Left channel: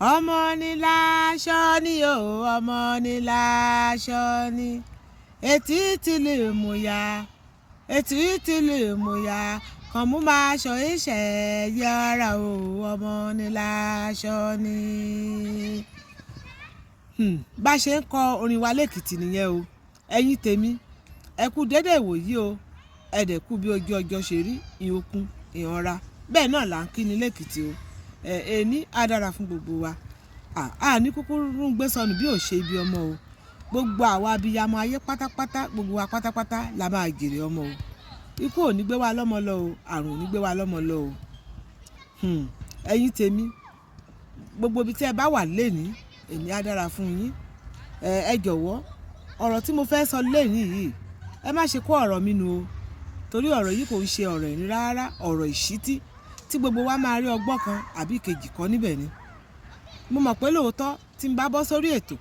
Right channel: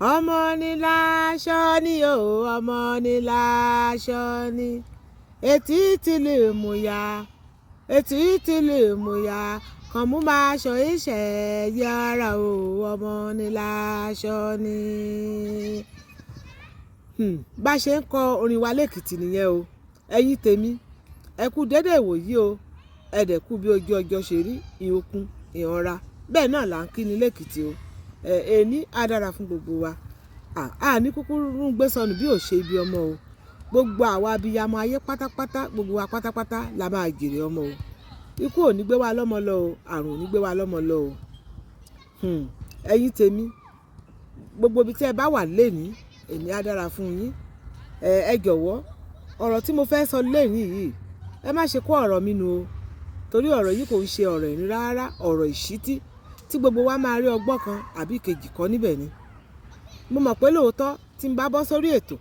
ọmọ ní láṣọ ni o, ọmọ ní láṣọ ni, etí tí lè mú ya, etí tí lè mú ya, kàn mú máa ṣọ iṣẹ́ yára o, ọmọ ní láṣọ ni. Bá ṣe ń kọ orin wa lẹ́kìtì nìyẹn o, ẹ̀yin tèmi ẹ kú dédé ìwòyí o, ẹ dẹ̀ kú bí ojú ọjọ́ ṣe rí, ìhòkun ìhànra bẹ́ẹ̀ náà là ń kí ni lẹ́kìtì o. Èní á dára fún gbogbo wa, ní kúkúrú gbé sọnù bí ò ṣe ibi ọmọ o. Gbogbo àwa abiyamọ ayé pátápátá, gbogbo wa pátápátá la máa jèrè ọmọ o. Ikú ò ní gbé wa lọ́mọ lọ o, àrùn ò ní gbé wa lọ́mọ lọ o. Ẹ̀yin tèmi gbogbo ibi tí ẹ bá wà lénìí, èní á dára fún yín. Ẹ jọ̀wọ́ ọ̀rọ̀ tí mo fẹ́ sọ lénìí yìí, ẹ má ṣe kó ọ̀rọ̀ mi nù o, torí ọ̀rọ̀ yìí kò ń ṣe ọ̀rọ̀ ìní rárá, ọ̀rọ̀ ìṣítí tí gbogbo wa máa rí ọgbọ́n kan àbí kejì kọ́ níbẹ̀ ni. Mo mọ̀ pé lóòótọ́ tí n bá bọ́ sórí ètò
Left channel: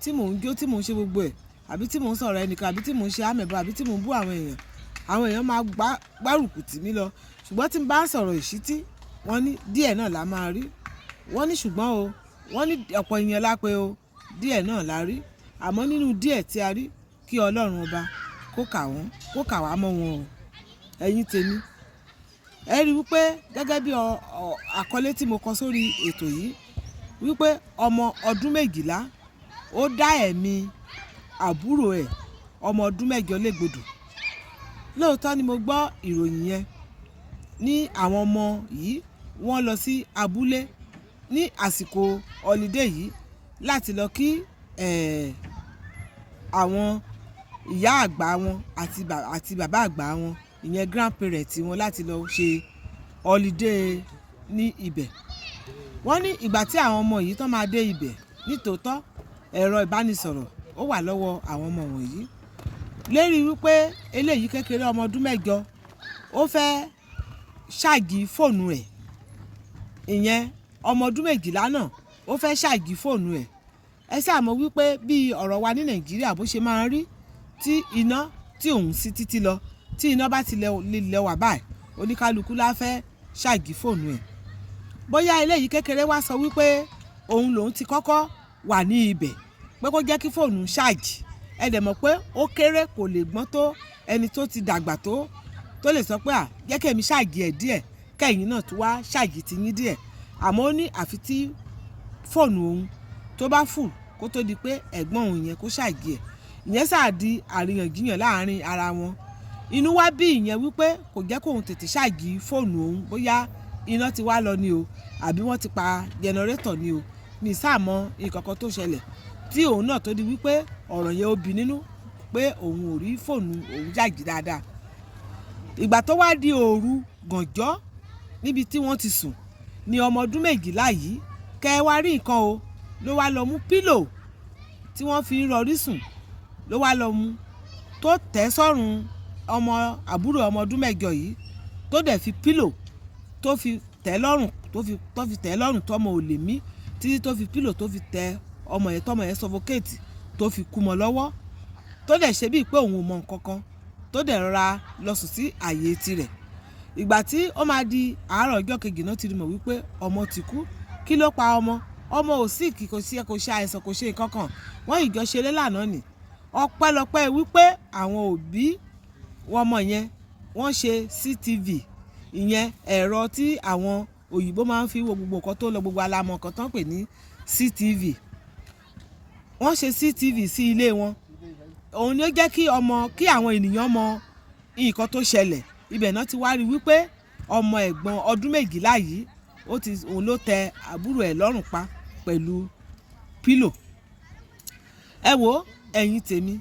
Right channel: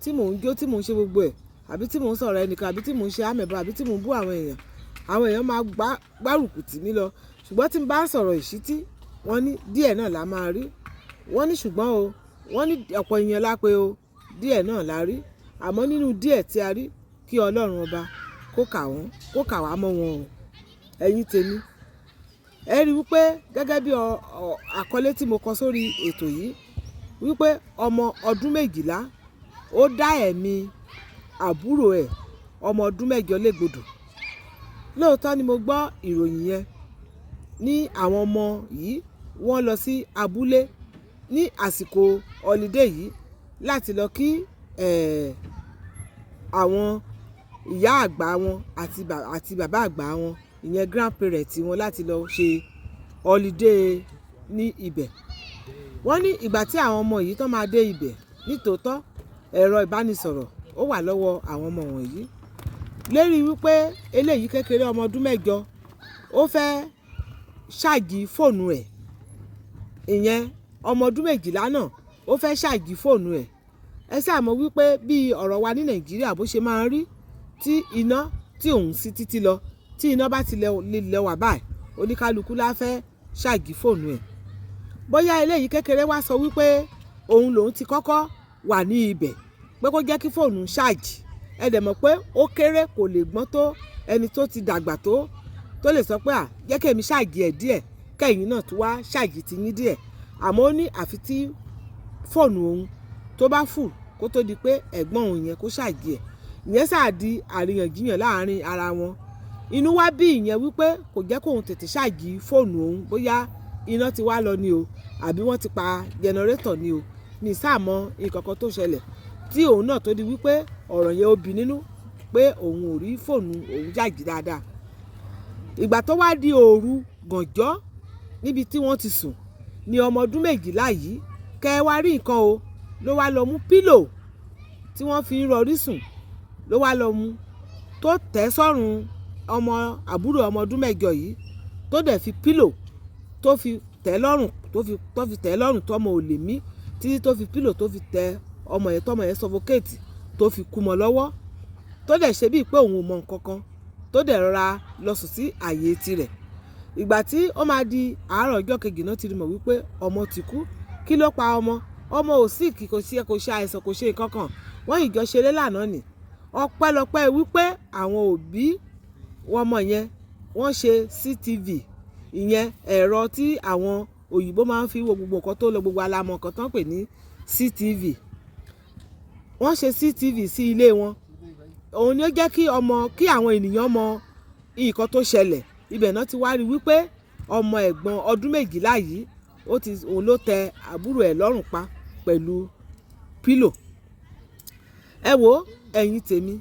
tí mò ń jó, tí mò ń ṣe gbogbo ẹ̀, àbí tí mò ń sọ̀rọ̀ ẹnìkan, àbí tí mò ń ṣe àmẹ̀bọ̀, àbí tí mò ń bú àwọn èèyàn máa gbárùkù tì mí lọ. Ṣùgbọ́n tí n bá ń sọ̀rọ̀ ìṣítí, wọ́n ní díẹ̀ náà la máa rí. Wọ́n ní ṣùgbọ́n o, wọ́n ní ọ̀pọ̀ èèyàn lápé o, díẹ̀ náà la rí. Àmọ́ nínú díẹ̀ tí a rí, kí Ọlọ́run ọba kó kà wá mọ́ wọn o. Ẹ̀yin tèmi ẹ rí wípé gẹ́gẹ́ bí àkọlé tí mo kọ sórí ètò yìí, wípé ọmọ ọdún 12 ó dá ẹ̀mí àbúrò ẹ̀ ọmọ ọdún 8 légbodò. Lóòótọ́ ni mo gbọ́ ìròyìn yẹn, ní àwọn ọmọ yìí wọ́n lọ sí abúlé ní àsìkò holiday yìí láti lọ kí àwọn ìyá àgbà wọn àti bàbá àgbà wọn, ìyẹn grandparent wọn, láti lọ ṣe holiday ní ibẹ̀. Wọ́n ní ìgbà tí àwọn ọmọ yìí tán máa dé ibẹ̀, nítòótọ́ ẹ̀rọ ìbánisọ̀rọ̀ ó wà lọ́wọ́ àwọn ọmọ wọ̀nyí. Lérí wípé eléyìí kékeré ọmọ ọdún 8 ó fẹ́ ṣáàjì fóònù ẹ̀, ìyẹn ọmọ ọdún 12 náà ó fẹ́ ṣáàjì fóònù ẹ̀. Ẹ ṣáà mọ̀ wípé bí ọ̀rọ̀ wa ní Nàìjíríà bó ṣe máa ń rí, tí iná tí òun sí títí lọ, tí iná bá ti lè wà báyìí, oníkálukú la fẹ́ ṣáàjì fóònù ẹ̀. Bóyá eléyìí kékeré wá sọ wípé òun lòun ti kọ́kọ́ wà ní ibẹ̀ pé kó jẹ́ kí fóònù ṣáàjì. Ẹ dẹ̀ mọ̀ pé ó kéré, kò lè gbọ́n tó ẹni tó ti dàgbà tó lè sọ pé jẹ́ kẹ́mi ṣáàjì ẹ̀ díẹ̀, kẹ́yìn náà tún wá ṣáàjì ti yín díẹ̀. Àmọ́ ó ní àfi tí fóònù òun tó bá fù kó tó di pé ẹ̀gbọ́n òun yẹn kó ṣáàjì ẹ̀. Ìyẹn sáà di àríyànjiyàn láàrin ara wọn. Inú wá bí ìyẹn wípé kò jẹ́ kóun tètè ṣáàjì fóònù òun, bóyá iná ti wá lọ ni o, àbí wọ́n ti pa jẹnẹrétọ̀ ni o, ní sáàmọ́ nǹkan kan tó ṣẹlẹ̀ tí òun náà tó di wípé ọ̀rọ̀ yẹn ó bí nínú pé òun ò rí fóònù òun ṣáàjì dáadáa. Ìgbà tó wá di òru gànjọ́ níbi tí wọ́n ti sùn, ni ọmọ ọdún 12 yìí kẹ́ wá rí nǹkan o, ló wá lọ mú pílò tí wọ́n fi ń rọrí sùn, ló wá lọ mú tó tẹ́ sọ́rùn ọmọ àbúrò ọmọ ọdún 8 yìí, tó dẹ̀ fi pílò tó fi tẹ́ lọ́rùn, tó fi tẹ́ lọ́rùn tọ́mọ ò lè mí, títí tó fi pílò tó fi tẹ́ ọmọ yẹn tọ́mọ yẹn suffocate, tó fi kú mọ́ lọ́wọ́, tó dẹ̀ ṣe bíi pé òun ò mọ nǹkan kan, tó dẹ̀ rọra lọ sùn sí àyè tirẹ̀. Ìgbà tí ó máa di àárọ̀ ọjọ́ kejì náà ti rí mọ̀ wípé ọmọ ti kú. Kí ló pa ọmọ? Ọmọ ò sí kì, kò ṣe àìsàn, kò ṣe nǹkan kan. Wọ́n ìjọ ṣeré lánàá ni. Ọpẹ́lọpẹ́ wípé àwọn òbí ọmọ yẹn wọ́n ṣe CCTV, ìyẹn ẹ̀rọ tí àwọn òyìnbó máa ń fi wo gbogbo nǹkan tó lọ, gbogbo alamọ̀ nǹkan tó ń pè ní CCTV. Wọ́n ṣe CCTV sí ilé wọn. Òun ni ó jẹ́ kí àwọn ènìyàn mọ nǹkan tó ṣẹlẹ̀. Ibẹ̀ náà ti wá rí wípé ọmọ ẹ̀gbọ́n ọdún 12 yìí òun ló tẹ àbúrò ẹ̀ lọ́rùn pa pẹ̀lú pílò. Ẹ wo ẹ̀yin tèmi,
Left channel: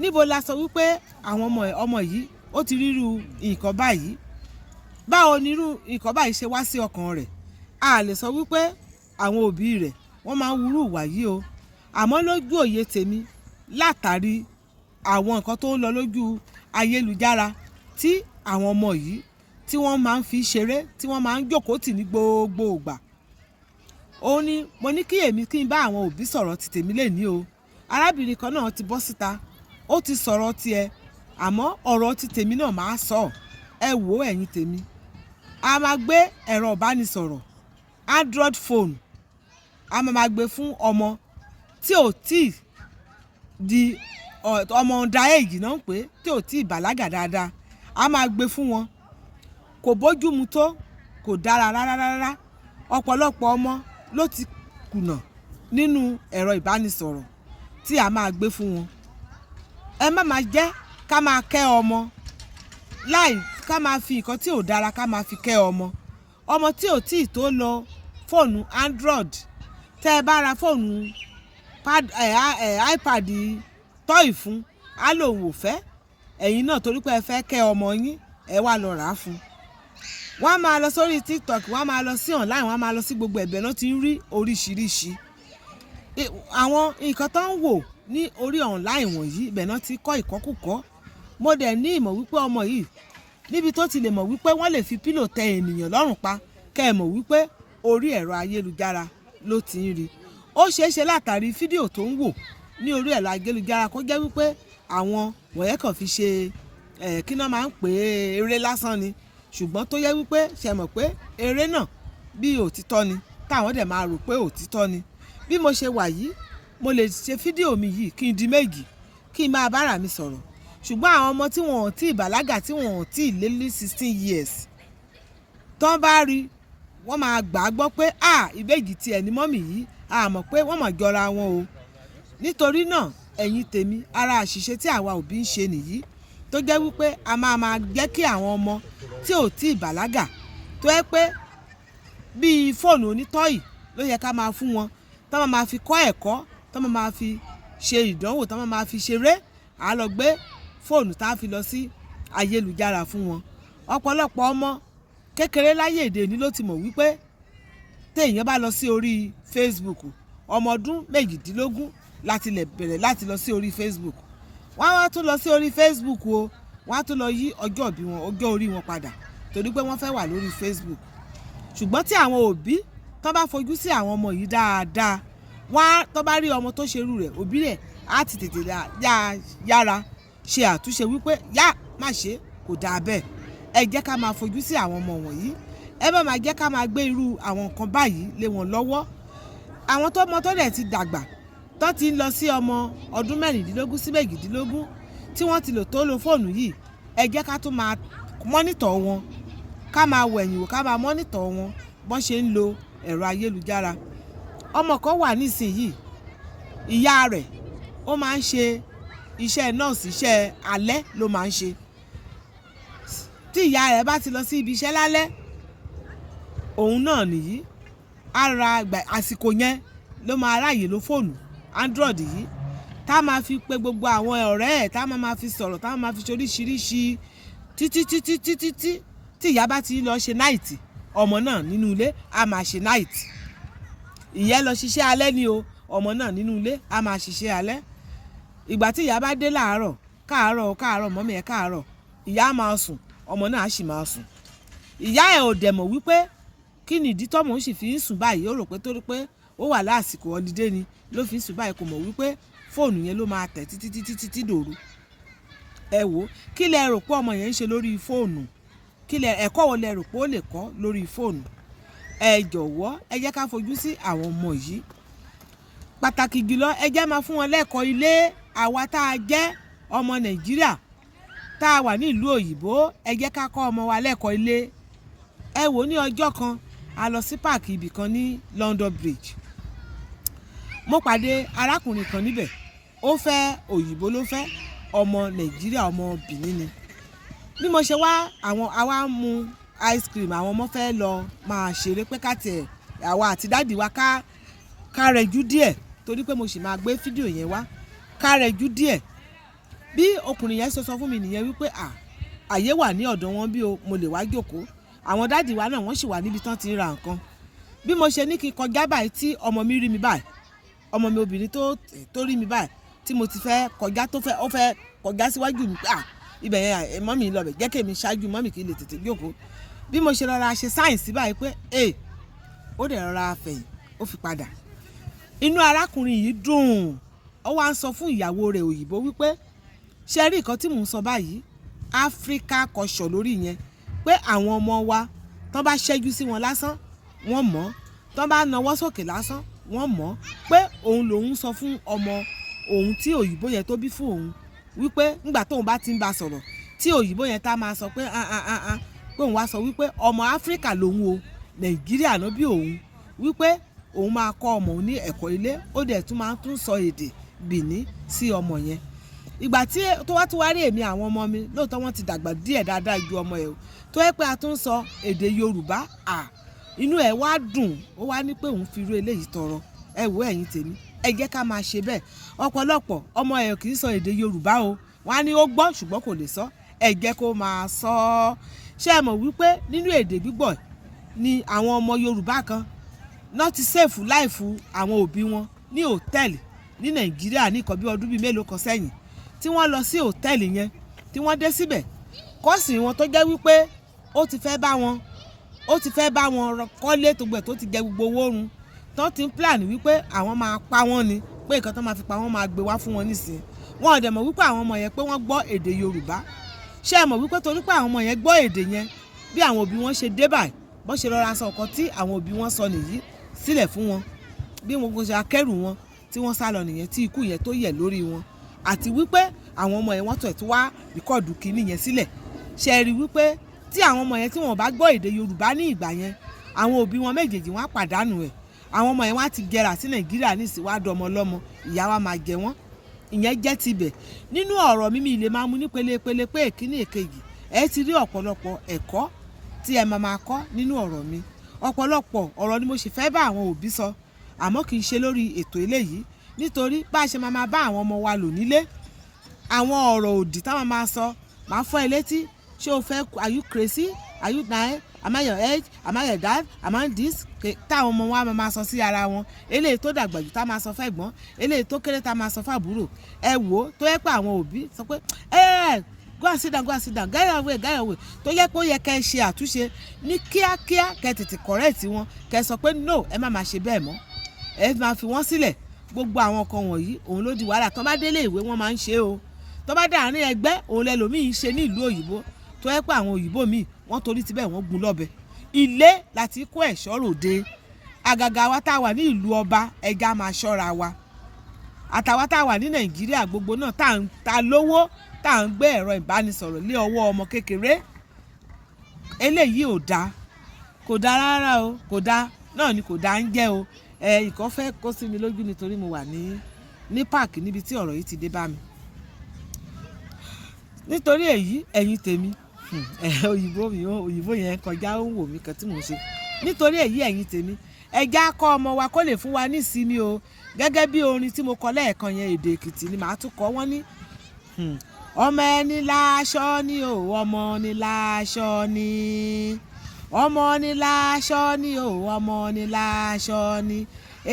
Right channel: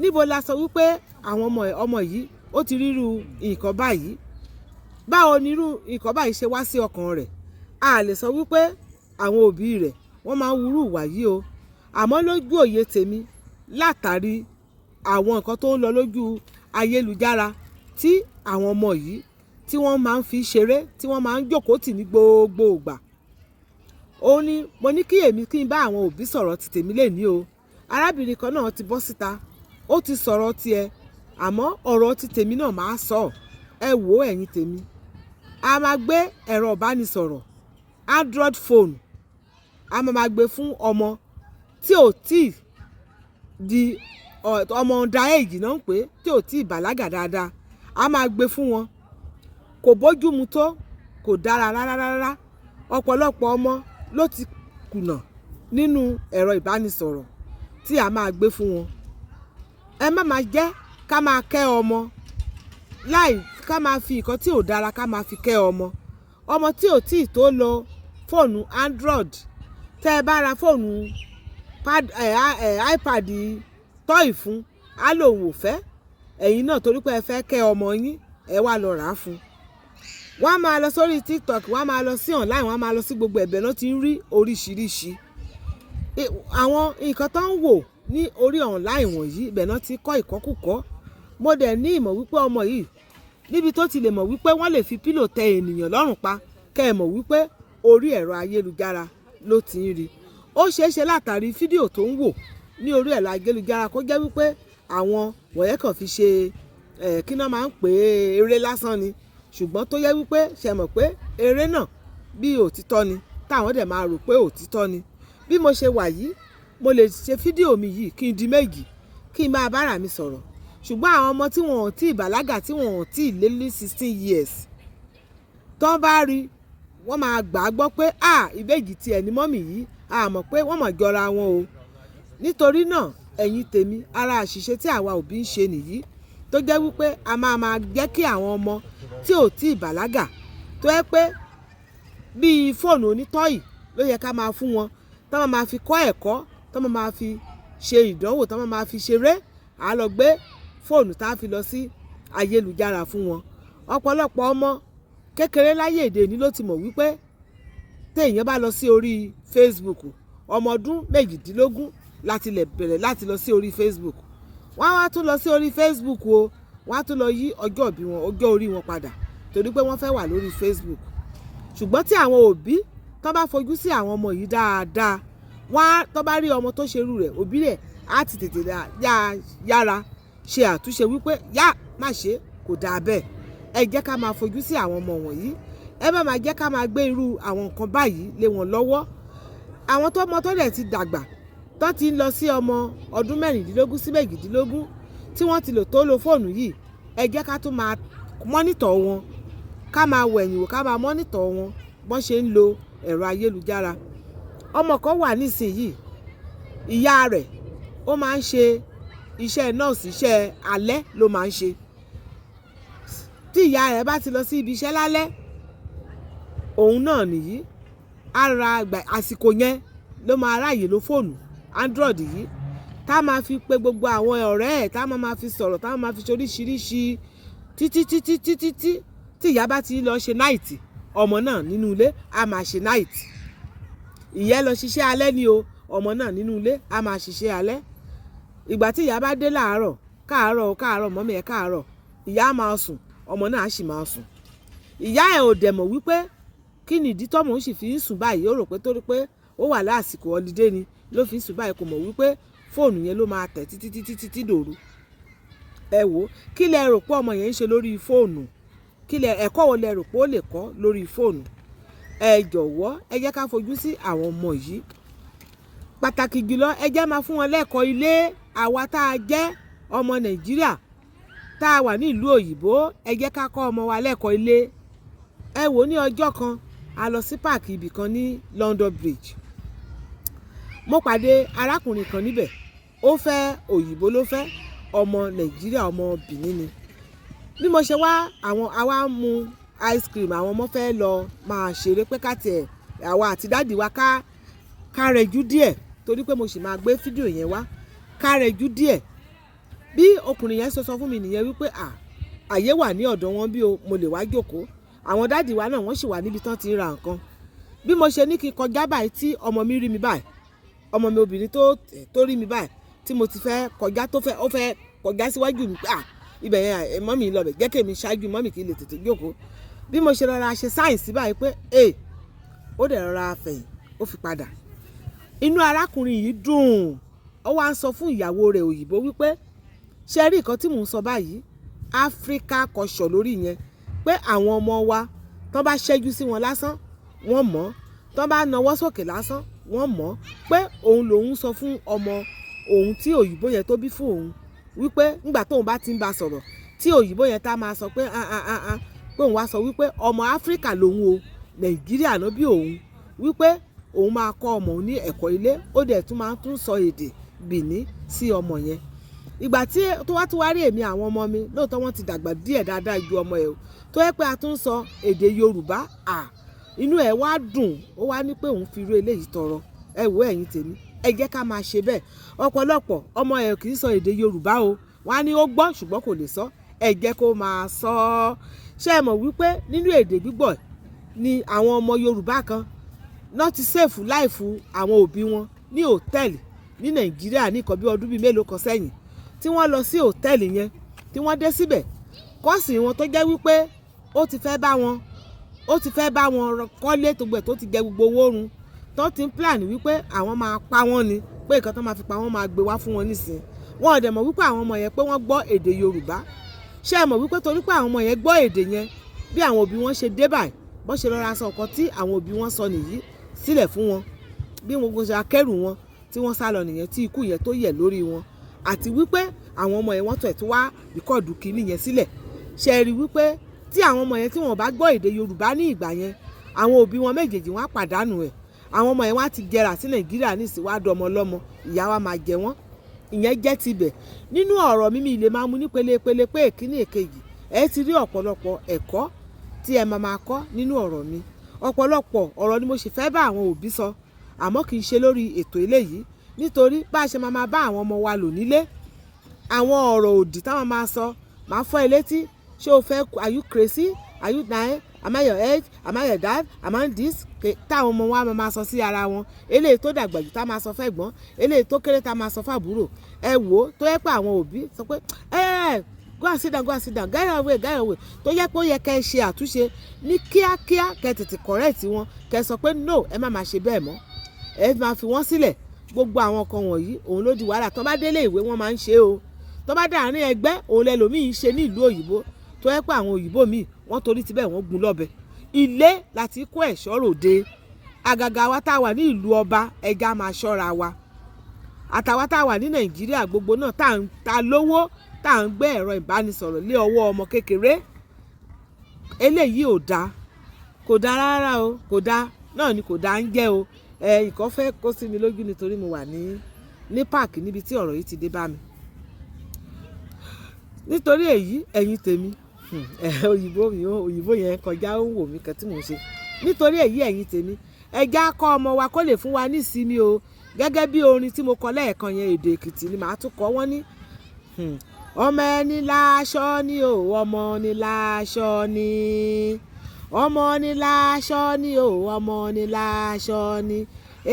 níbo la sọ wípé àwọn ọmọ yìí ó ti rírú nǹkan báyìí? Báwo ni irú nǹkan báyìí ṣe wá sí ọkàn rẹ̀? A lè sọ wípé àwọn òbí rẹ̀ wọ́n máa ń wúrú ìwà yìí o. Àmọ́ lójú òye tèmi, látàrí àwọn nǹkan tó ń lọ lójú ayélujára tí àwọn ọmọ yìí tí wọ́n máa ń fi ṣeré, tí wọ́n máa ń jókòó tì ní gbogbo ìgbà, òun ni mo ní kí n bá àwọn òbí sọ̀rọ̀ ti tèmi lè ní o. Arábìnrin kan náà ti bọ́ síta, ó ti sọ̀rọ̀ tiẹ̀, àmọ́ ọ̀rọ̀ ti tèmi náà máa sọ. Ẹ wò ẹ̀yin tèmi, a máa gbé ẹ̀rọ ìbánisọ̀rọ̀ Android phone a máa gbé fún ọmọ tí ò tí di ọmọ under age náà ń pè tí ò tí bàlágà dáadáa, a máa gbé fún wọn. Kò bójúmu tó, kò dára rárá. Ọ̀pọ̀lọpọ̀ ọmọ ló ti kùnà nínú ẹ̀rọ ìbánisọ̀rọ̀ tí a máa gbé fún wọn. Ẹ má máa jẹ́ ká máa kẹ́ ọmọ ká máa fi nǹkan tí ò dára ká máa fi kẹ́ ọmọ. Ọmọ tí ò tí tó lo fóònù Android, tẹ́ ẹ bá ra fóònù iPad tọ́ì fún, á lòun ò fẹ́. Ẹ̀yin náà torí pé ẹ fẹ́ kẹ́ ọmọ yín, ẹ wá lọ rà á fún. Wọ́n á máa lọ sórí TikTok, wọ́n á máa lọ sí online, wọ́n á máa lọ sí gbogbo ẹ̀bẹ̀ náà ti ń rí oríṣiríṣi. Àwọn nǹkan tó ń wò ní orí online wọ̀nyí, ibẹ̀ náà ti kọ́ ìkọ́kùkọ́. Mo dẹ̀ ní ìmọ̀ wípé ọmọ yìí níbi tó ti lè mọ̀ wípé wọ́n lè fi pílò tẹ ènìyàn lọ́rùn pa, kẹ́ ẹ mọ̀ wípé orí ẹ̀rọ ayélujára ló ti ń rí. Ó ṣeé ṣe látàrí fídíò tó ń wò ní orí ẹ̀rọ ayélujára kó jẹ́ wípé àwọn wọ̀nyẹn kàn fi ṣe kí náà máa ń pè é eré lásán ni, ṣùgbọ́n tó yẹ wípé ṣe mọ̀ pé eré náà bí òtítọ́ ni táwọn dẹ̀ máa rò pé òtítọ́ ni. Bí mo ṣe wà yìí, mo lè ṣe fídíò mi yìí kí n di méjì kí n máa bára mi sọ̀rọ̀, ṣùgbọ́n àwọn ọmọ tí wọn ò tí bàlágà, tí wọn ò tí lé ní 16 years tó bá rí, wọ́n máa gbà á gbọ́ pé ìbejì tiẹ̀ ní mọ́mì yìí, a mọ̀ pé wọ́n mọ̀ jọra wọn o. Nítorí náà ẹ̀yin tèmi, ara àṣìṣe tí àwa òbí ń ṣe nìyí, tó jẹ́ wípé a máa jẹ́ kí àwọn ọmọ tí ò tí bàlágà, tó yẹ pé bíi fóònù onítọ́ì ló yẹ ká máa fún wọn, tó máa fi kọ́ ẹ̀kọ́, tó máa fi ṣe ìdánwò, tó máa fi ṣeré, à lọ gbé fóònù tá a fi lọ sí ayélujára fún wọn. Ọ̀pọ̀lọpọ̀ ọmọ kékeré láyé èdè ní ló ti mọ̀ wípé téèyàn bá lọ sí orí Facebook, ọmọ ọdún 18 láti lè bẹ̀rẹ̀ láti lọ sí orí Facebook. Wọ́n á wá tún lọ sí orí Facebook o, wọ́n á tún lọ yí ọjọ́ ìbí wọn, ọjọ́ orí wọn padà torí pé wọ́n fẹ́ wà lórí Facebook. Ṣùgbọ́n tí àwọn òbí tó bá fojú sí àwọn ọmọ yìí dáadáa, tó bá rí ọmọ tó ṣerú rẹ̀, òbí rẹ̀ á ti tètè yára ṣe àtúnṣe wípé má ṣe, kò dáa bẹ́ẹ̀. Ẹ jẹ́ ká máa fojú sí àwọn ọmọ wọ̀nyí, ẹ má máa jẹ́ ká máa gbé irú àwọn nǹkan báyìí lé wọn lọ́wọ́. Àwọn tó dẹ̀ ti dàgbà, tó ti lọ sí ọmọ ọdún 16 sí 18 tí wọ́n ti lò tó lo fóònù yìí, ẹ jẹ́ ká tún máa mọ́nítọ̀ wọn, ká máa wẹ̀yìn wò, ká máa mọ́nítọ̀ wọn bọ́n ṣe ń lo ẹ̀rọ ayélujára. Ọmọ kan wà nísìnyí, ìyá rẹ̀ ó máa ń ṣe iṣẹ́ nọ́ọ̀sì, iṣẹ́ alẹ́ ló máa ń ṣe. Tí ìyá rẹ̀ bá ti lọ sí ibi iṣẹ́ lálẹ́, òun náà nìyí, àsìkò yẹn ló máa ráàyè lo fóònù Android yìí, tá máa fi pe gbogbo àwọn ọ̀rẹ́ ẹ̀, tá máa fi sọ̀rọ̀, tá máa fi ṣe oríṣiríṣi títí tí ìyá bá ti lọ ṣe náìtì, ọmọ náà nínú ilé á máa ṣe náìtì. Ìyá lọ ṣiṣẹ́ alẹ́ ni o, ọmọ náà nínú ilé á máa ṣiṣẹ́ alẹ́. Ìgbà tí ìyá bá dé láàárọ̀, káàárọ̀ mọ́mì ẹ̀ káàárọ̀, ìyá máa sùn, ọmọ náà sì máa sùn. Ìyá ẹ̀ ò dẹ̀ mọ̀ wípé kí nìdí tọ́mọ ó sì fi ń sùn báyìí, ó rò pé torí pé ó wà lásìkò holiday ni ló fi ń sùn báyìí, kò mọ̀ wípé fóònù yẹn ló máa tẹ̀ títí dòru. Ẹ wò, kí lẹ rò pé ọmọ yẹn ń ṣe lórí fóònù? Ẹ̀kọ́ wo lẹ rò pé ó lè kọ́ lórí fóònù? Ẹ jọ̀wọ́, ẹ jẹ́ ká fojú sí àwọn ọmọ yìí. Pàtàkì jùlọ, ẹ jẹ́ máa fún wọn lẹ́kọ̀ọ́ ilé. Àwa tá a jẹ́ ọmọ Nàìjíríà tá a wà ní ìlú òyìnbó, ẹ jẹ́ ká kọ́ ọmọ wa lẹ́kọ̀ọ́ ilé. Ẹ wò, ní ọjọ́ kan a lọ sí páàkì ibì kan ní London Bridge. Mo pàdé arákùnrin kan níbẹ̀, ó fẹ́ òyìnbó ló fẹ́, ọmọ Nàìjíríà, ọmọ Benin ni. Bí mo ṣe wá, àwa mu ice cream, àwọn ọmọ fẹ́ lọ máa ṣeré pé àwa àti dáàdì wa ká rẹjú díẹ̀, torí pé mo sì máa gbé fídíò yẹn wá, ká rẹjú díẹ̀. Bí ọkùnrin yẹn sọ fún mi nìyẹn wípé àyè wà ní ọ̀dọ̀ wọn bí o, mo lè wá jókòó. Àwọn dáàdì wa náà wọ́n sì wà níbi tán ti ń ra nǹkan. Bí mo ṣe ní kí kọjá báyìí, tí ọmọ mi rí mi báyìí, ọmọ mi obìnrin tó rí mi báyìí, tí mo ti fẹ́ kọjá, ó fẹ́ kọjá síwájú mi, ibẹ̀ yẹn mọ́mì lọ bẹ̀, jẹ́ kí èmi ṣáájú mọ́mì kí n lè tètè jókòó. Bí mo ṣe rọra ṣe sáyẹ̀nsì báyìí pé ó dẹ̀ rọra fẹ̀yìn, ó fi padà. Inú arákùnrin yìí dùn, ó wá ń sọ fún ìyàwó rẹ̀ òyìnbó wípé ṣe rí nǹkan tí mò ń sọ báyìí, Áfíríkà kọ̀ṣọ̀ lórí yẹn, pé àwọn ọmọ wa tán bá ṣẹ́jú sí wọn lásán, wọ́n mọ̀, tán bá nawọ́ sókè lásán, wọ́n mọ̀ pé òun lòun sọ fún ọmọ òun tí òyìnbó yẹn tó bí fún òun wípé nígbà tóun bá ti ń bá sọ̀rọ̀ tí òyìnbó yẹn tá máa sọ pé pé òun wá sọ wípé ọmọ Áfíríkà lòun o Nàìjíríà ló bí òun wípé òun máa kọ́ ọmọ òun ní ẹ̀kọ́ ilé ó dẹ̀ tún máa tún sọ èdè Bìní sí ọmọ yẹn. Ìgbà tí tó wá tún wá rí èmi àwọn ọmọ mi lóòótọ́ wọ́n ti dàgbà díẹ̀ dáadáa ju ọmọ ẹ̀ o tó yẹ pé a tún sọ èdè Yorùbá inú ẹ̀ wá dùn ó wá ní pé òun fi irú eléyìí tọrọ. Ẹ wò ẹ̀yin tèmi ẹ jẹ́ ká máa ṣe bẹ́ẹ̀. Ọ̀pọ̀lọpọ̀ ọmọ ẹ̀ kì í sọ èdè Yorùbá o wọ́n á ní ó gbọ́ ṣùgbọ́n kò lè sọ ẹ jẹ́ kó máa sọ ọ́. Ṣé ẹ mọ̀ wípé nínú èdè gbígbọ́ ni àwọn ọmọ Yorùbá kan náà ti sèfù láìfù àwọn òbí wọn ní hòtẹ́ẹ̀lì ní Nàìjíríà ní nǹkan bí ọdún bíi mélòó kan sẹ́yìn tí wọ́n lọ sí hòtẹ́ẹ̀lì yẹn tí wọ́n dé síbẹ̀ kọ́ọ̀sì wọn tó jẹ́ wípé ó ti fẹ́ bá wọn kọ́lé tó gbẹ̀ tó ti jẹ gbogbo owó run tó ti ń plan wípé àwọn máa pa wọ́n ni pé nǹkan tó máa fi pa wọ́n máa gbé wá fún wọn nísìnyí wọn ò dẹ̀ mọ̀ wípé àwọn ọmọ yẹn pé wọ́n gbọ́ èdè Yorùbá. Ṣé ẹ mọ̀ wípé torí pé àwọn ọmọ yẹn gbọ́ èdè yẹn bí àwọn òbí wọn ṣe dé báyìí bọ́n ṣe rọra sọ nǹkan tí àwọn òbí wọn sọ nìyí sílẹ̀ fún wọn bí wọn ṣe akẹ́rù wọn tí wọ́n sá lọ nìyẹn tí ikú yẹn tó yẹ̀ lórí wọn àti wípé àwọn ọmọ yẹn wọ́n tẹ̀ tó wá rìkọ́ọ̀dù kìíní yẹn sílẹ̀. Ṣe rí wípé tí àwọn ọmọ yẹn tí wọn bá gbọ́ èdè Yorùbá ní ìgbà yẹn àwọn òbí wọn méjèèjì wọn á pàdánù ẹ̀ àwọn ọmọ yẹn wá ti gẹ̀rà sí Nàìjíríà ní ìsìwádìí ọmọ ọlọ́mọ ìyá wa máa jẹ wọ́n ìyẹn jẹ́ tibẹ̀. Nínú ọ̀rọ̀ mímí ilé máa mú ní pele pé èkíní èkejì ẹ ti rí ọ̀pọ̀lọpọ̀ ẹ̀kọ́ tí ẹ máa kọ́ nínú ọ̀rọ̀ mi ọ̀pọ̀lọpọ̀ ọ̀rọ̀ ni mo sì fẹ́ bá àwọn òbí sọ àmọ́ kì í ṣe lórí ètò eléyìí nítorí bá a ṣe máa bá àwọn ọmọ wa lò nílé àwọn ọ̀rọ̀ òdì táwọn máa sọ máa fọ́ ẹ létí ṣé o fẹ́ are you crazy are you dying am I your age am I your dad am I this táwọn ọmọ wa máa sọ sí ara wọn eléyìí tó dàgbà jù tá máa sọ fẹ́ gbọ́n eléyìí tó kéré tá máa sọ fàbúrò ẹ wò ó tó yẹ pé àwọn òbí sọ pé go and sit down get away tó yẹ pé ó yẹ kẹ́ ẹ ṣe àtúnṣe ní kíákíá kẹ́ ẹ tètè correct wọn kẹ́ ẹ sọ pé no ẹ má máa ṣe bẹ́ẹ̀ mọ́ ẹ máa fi wọ́n sílẹ̀ gbogbo àwọn nǹkan wọ̀nyí òun ló di wàhálà tó bá délé ìwé wọn máa ń ṣe o tó bá dàárín ẹgbẹ́ òun lẹ́lòmíì ń ṣe ní ìlú òyìnbó tó yẹ pé àwọn òyìnbó míì wọ́n torí ti bẹ́ẹ̀ wọ́n gún lọ́bẹ ilé láti kó ẹ̀ṣọ́ ròde àgàgà wa tá a wà ní ìlú ọba ẹja máa ṣọ́ra wa àtàwa tá a wà ní Nàìjíríà gbogbo náà tá lówó tá à ń gbé ẹ̀rọ ìbánisọ̀rọ̀ lé ọwọ́ ọmọ kékeré eléyìí ò dáa kò dáa rárá o kò dáa náà ni kò dáa ń jẹ́ o ìkan fẹ́ kó sí mi lójú nítorí mo wà ní páàkì níbi tí ọ̀rọ̀ yìí ti dé bá mi nítorí èyí ẹ̀yin tèmi òyìnbó yẹn kọjá ó ń wò mí kan tí mò ń ṣe nítorí èyí ẹ̀yin tèmi ẹja kọ́ ọmọ wa kó lè fún wa ní ìsinmi o gẹ́gẹ́ bí orin tí mo kọ lẹ́ẹ̀kan yẹn èdè Èkìtì ni màá tún kọ wọ́n ní ọmọ ẹni láṣọ ni o ọmọ ni láṣọ ni ọmọ ni láṣọ ni o ọmọ ni láṣọ ni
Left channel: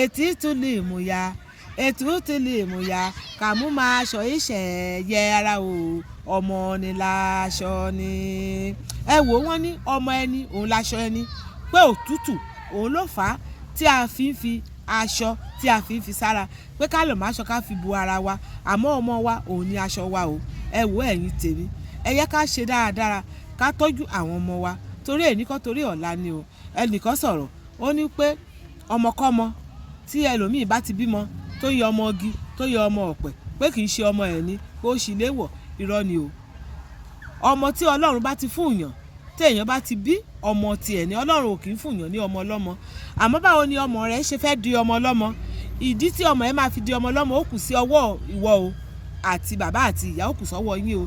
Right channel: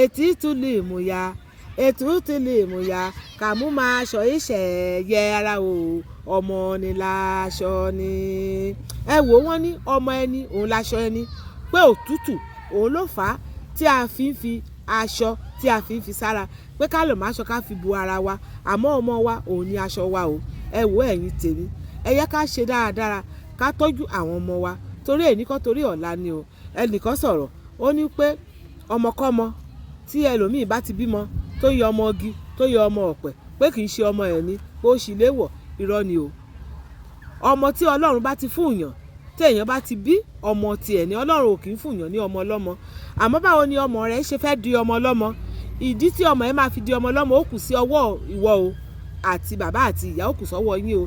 etí tún lè mú ya ètùtù lè mú ya kàmú máa ṣọ ìṣẹ̀ yẹ ara o ọmọ ni láṣọ ni. Ẹ wò wọ́n ní ọmọ ẹni òun láṣọ ẹni pé òtútù òun ló fà á tí a fi ń fi aṣọ tí a fi ń fi sára pé ká lè má aṣọ ká fi bu ara wa àmọ́ ọmọ wa òun ni aṣọ wa o. Ẹ wò ẹ̀yin tèmi ẹ yẹ ká ṣe dáradára ká tọ́jú àwọn ọmọ wa torí ẹnìkan torí ọ̀la ni o. Ẹnìkan sọ̀rọ̀ ó ní pé ọmọkọ́mọ tí ẹlòmíì bá ti bímọ tó yọ ọmọ igi tó yọ ọmọ ọ̀pẹ pé kì í ṣe ọmọ ẹ̀ ní pé ó sì léwọ̀ irọ́ ni o. Ọmọ tí Ọlọ́run bá ti fún yàn tí èèyàn bá ti bí ọmọ tiẹ̀ ní Ọlọ́run ò kì í fún yàn ní ọmọ ọlọ́mọ àmọ́ báwo ni ọmọ rẹ̀ ṣe fẹ́ di ọmọ ọlọ́mọ ìdí tí ọmọ ẹ̀ máa fi di ọmọ ọlọ́mọ ó kù sí ọwọ́ ìwọ o àti bàbá àti ìyá ó kù sọ́wọ́ yín o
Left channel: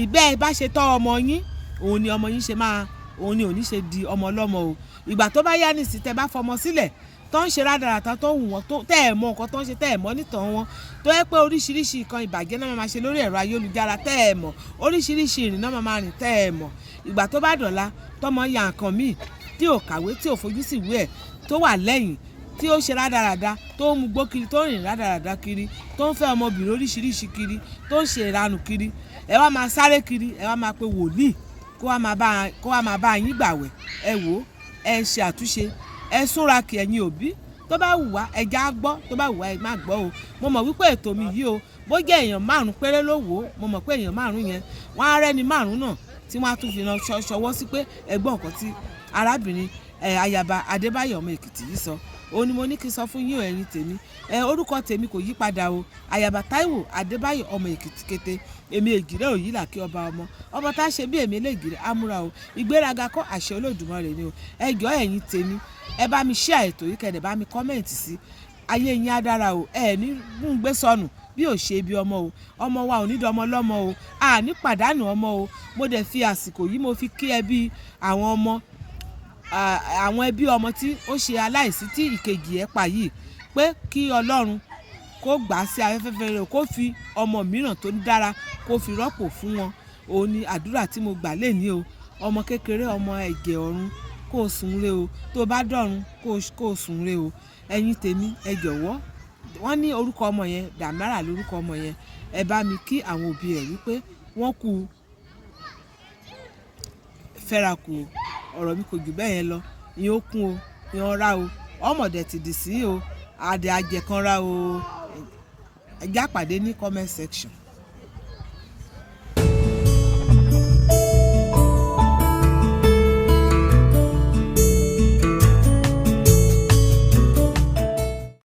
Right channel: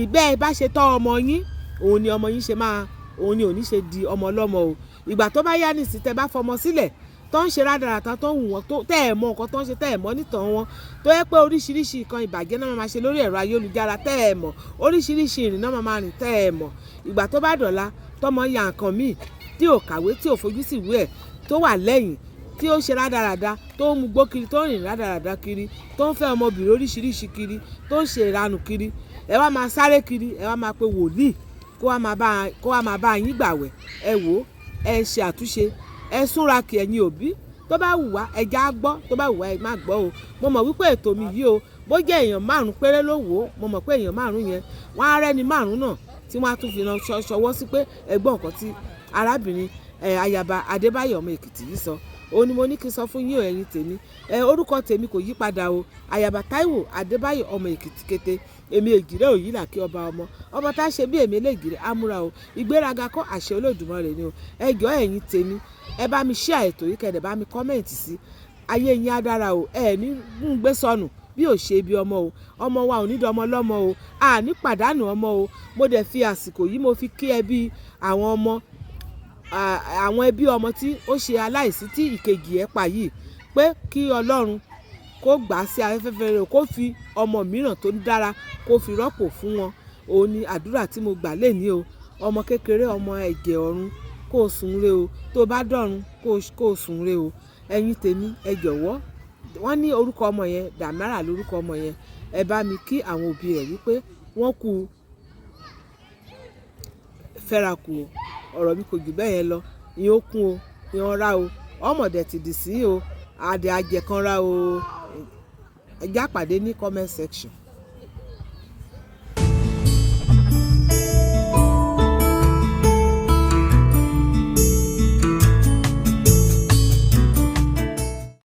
ìgbẹ́ ẹ bá ṣe tọ́ ọmọ yín òun ni ọmọ yín ṣe máa òun ni òní ṣe di ọmọ ọlọ́mọ o. Ìgbà tó bá yá nìsí tẹ bá fọmọ sílẹ̀ tó ń ṣe rádaràtà tó wù wọ́n tó tẹ́ ẹ̀ mọ̀ nǹkan tó ń ṣe tẹ́ ẹ̀ mọ̀ nítàn wọn tó yẹ pé oríṣiríṣi nǹkan ìbàjẹ́ náà máa ṣe lórí ẹ̀rọ ayélujára tẹ́ ẹ̀ mọ̀ oríṣiríṣi ìrìn náà máa rìn tẹ́ ẹ̀ mọ̀ ìgbà tó bá dọ̀la tọmọ ya nǹkan míì tí ò kàwé tí ò fojú sí ìwé ẹ̀ tó wà lẹ́yìn tí ó ṣe rádaràda tó ń mugbó kiri tó ń rìn rádaràda kiri tó ń fẹ́ ọmọbìnrin oríṣiríṣi kiri tó ń ṣe ìranù kiri ẹ wá máa sáré kiri ẹ wá máa pe wòlíì kó wá máa bá yín gbàwẹ̀ ẹ wò ó ẹ ṣe àtúnṣe ẹ súnra kí ẹ̀yin òbí tó bá wù wá ẹja gbọ́ tó bá wù wá ẹ má gbọ́ o. Mo mọ̀ wípé ètò mi yìí o bó jẹ́ èèyàn 5 péré ló wò ó mo mọ̀ pé èèyàn 5 yẹn wọ́n á rẹ́ni 5 náà tí wọ́n á tún fi ṣọwọ́ sí pé ẹgbọ́n nǹkan tí arábìnrin Ayaba Adébáyọ̀ ọmọ Èkìtì yìí sọ òun ni mo ní kí n sọ fún yín ẹ̀yin tèmi. Orúkọ tèmi kò yí padà o, Àyàbá Táíwò Adébáyọ̀ ọmọ Èkìtì Kété, èmi Ègìrẹ́ Òyìnlá kí ọba ọmọ tá a ṣe bí èmi Elégìrì Amúra o, ìgbéraga kọ́ àṣẹ Olódùmarè ni o. Ẹ jọ̀ọ́ ẹ̀yin tèmi, ẹ bá mi share ètò yìí, kẹ́dẹ̀ bá mi kọ́mẹ̀ntì sí, ayé yín á dára o, ẹ ní gbé sọnù bí ò ṣe bí ọmọ o, ọmọ wa ò ní dọmọ lọ́mọ o, a ní pàdánù ọmọ o. Mo dẹ̀ fi àsìkò yìí mo fi kí ẹbí àwọn ọmọ, àwọn ẹbí ọmọ tí ó ṣe aláìsí tí ìkejì ẹ̀ pa yìí, pé kí Ọlọ́run kó gbà sí afẹ́fẹ́ rẹ̀, kó fi ọmọ mìíràn tó dára kó fi rọ́pò fún wọn. Òun ni àdúrà tí mo gbà lénìí o. Ọmọ kékeré, ọmọ ẹ̀jẹ̀ ọ̀run, kó sùn re o, tó bá dọ̀run kó sùn re o. Ẹ̀yin tèmi, ẹ jọ̀wọ́, wọ́n ní orúkọ ọmọ yẹn Dàmárà lórúkọ ọmọ yẹn, ẹ bá mi kí àwọn òbí rẹ̀ wípé wọ́n kú fẹ́ra kù o. Ọ̀rọ̀ mi kò jù bẹ́ẹ̀ yẹn lọ. Ìyẹn ó kún o, ìyẹn ọ̀rá o, ọmọdé ti dì sí o, adé ajẹ̀kanra o. Ẹ já pàdé ní comment section.